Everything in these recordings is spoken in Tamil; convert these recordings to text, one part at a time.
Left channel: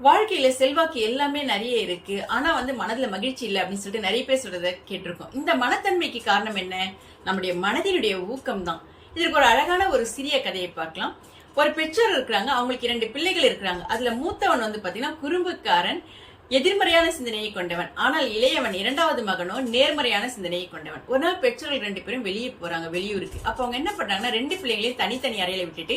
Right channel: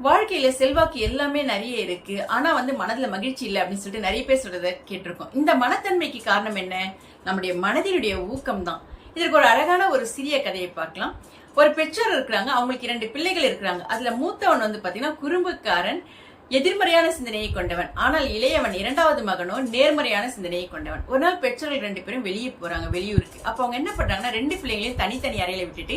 வாழ்க்கையில செல்வாக்கு எல்லாமே நிறைய இருக்கு. ஆனா மனதுல மகிழ்ச்சி இல்ல அப்படின்னு சொல்லிட்டு நிறைய பேர் சொல்றத கேட்டிருக்கோம். இந்த மனத்தன்மைக்கு காரணம் என்ன? நம்முடைய மனதினுடைய ஊக்கம் தான். இதற்கு ஒரு அழகான ஒரு சிறிய கதையை பார்க்கலாம். ஒரு பெற்றோர் இருக்கிறாங்க. அவங்களுக்கு 2 பிள்ளைகள் இருக்கிறாங்க. அதுல மூத்தவன் பாத்தீங்கன்னா குறும்புக்காரன், எதிர்மறையான சிந்தனையை கொண்டவன். ஆனால் இளையவன் 2வது மகனோ நேர்மறையான சிந்தனையை கொண்டவன். ஒரு நாள் பெற்றோர்கள் 2 பேரும் வெளியே போறாங்க, வெளியூருக்கு. அப்ப அவங்க என்ன பண்றாங்கன்னா 2 பிள்ளைகளையும் தனித்தனி அறையில விட்டுட்டு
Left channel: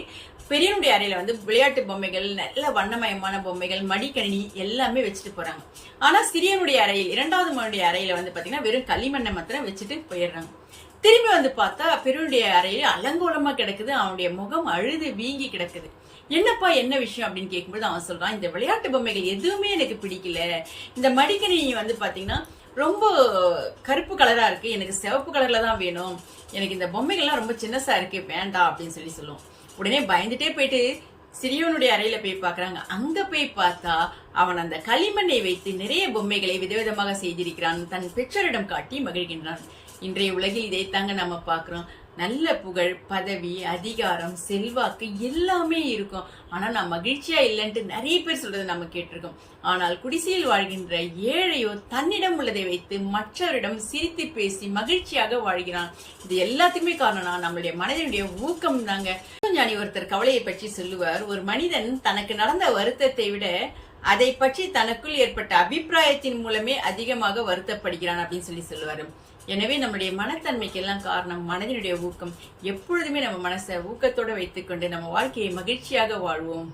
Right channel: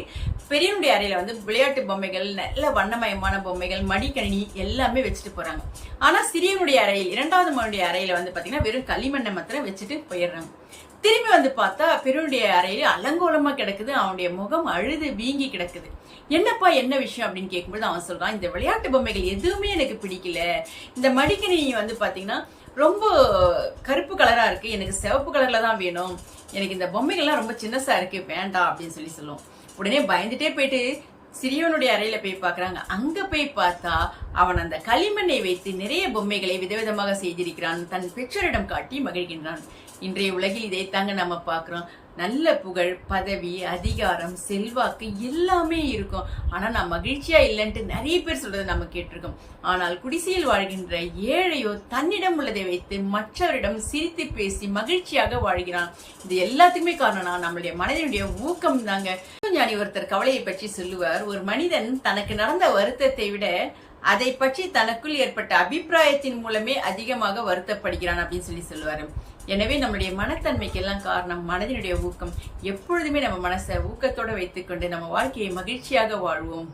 பெரியனுடைய அறையில விளையாட்டு பொம்மைகள், நல்ல வண்ணமயமான பொம்மைகள், மடிக்கணினி எல்லாமே வச்சுட்டு போறாங்க. ஆனா சிறியனுடைய அறையில் 2வது மகனுடைய அறையில பாத்தீங்கன்னா வெறும் களிமண்ணை மாத்திரம் வச்சுட்டு போயிடுறாங்க. திரும்பி பார்த்தா பெரியனுடைய அறையில அலங்கோலமா கிடக்குது. அவனுடைய முகம் அழுது வீங்கி கிடக்குது. என்னப்பா என்ன விஷயம் அப்படின்னு கேட்கும்போது அவன் சொல்றான், இந்த விளையாட்டு பொம்மைகள் எதுவுமே எனக்கு பிடிக்கல. இந்த மடிக்கணினி பாத்தீங்கன்னா ரொம்ப கருப்பு கலரா இருக்கு, எனக்கு சிவப்பு கலர்ல தான் வேணும். எனக்கு இந்த பொம்மைகள்லாம் ரொம்ப சின்னசா இருக்கு, வேண்டாம் அப்படின்னு சொல்லுவோம். உடனே பயந்துட்டே போயிட்டு சிறியவனுடைய அறையில போய் பாக்குறாங்க. அங்க போய் பார்த்தா அவன் அந்த களிமண்ணை வைத்து நிறைய பொம்மைகளை விதவிதமாக செய்திருக்கிறான். தன் பெற்றோரிடம் காட்டி மகிழ்கின்றான். இன்றைய உலகில் இதைத்தாங்க நம்ம பாக்குறோம். நல்ல புகழ், பதவி, அதிகாரம், செல்வாக்கு எல்லாமே இருக்கும். ஆனா நான் மகிழ்ச்சியா இல்லைன்ட்டு நிறைய பேர் சொல்றதை நம்ம கேட்டிருக்கோம். ஆனால் குடிசையில் வாழ்கின்ற ஏழையோ தன்னிடம் உள்ளதை வைத்து மற்றவரிடம் சிரித்து பேசி மகிழ்ச்சியாக வாழ்கிறான். இது எல்லாத்துக்குமே காரணம் நம்மளுடைய மனதினுடைய ஊக்கம் தாங்க. ஞானி ஒருத்தர் கவலையை பற்றி சொல்லுவார், ஒரு மனிதன் தனக்கு நடந்த வருத்தத்தை விட அதை பற்றி தனக்குள் ஏற்பட்ட அபிப்பிராயத்தின் மூலமே அதிகமாக வருத்தப்படுகிறான் அப்படின்னு சொல்லுவாரு. எனவே நம்மளுடைய மனத்தன்மைக்கு எல்லாம் காரணம் மனதினுடைய ஊக்கம். எப்பொழுதுமே நம்ம மனசை ஊக்கத்தோட வைத்துக்கொண்டு நம்ம வாழ்க்கையை மகிழ்ச்சியாக வாழ்வோம்.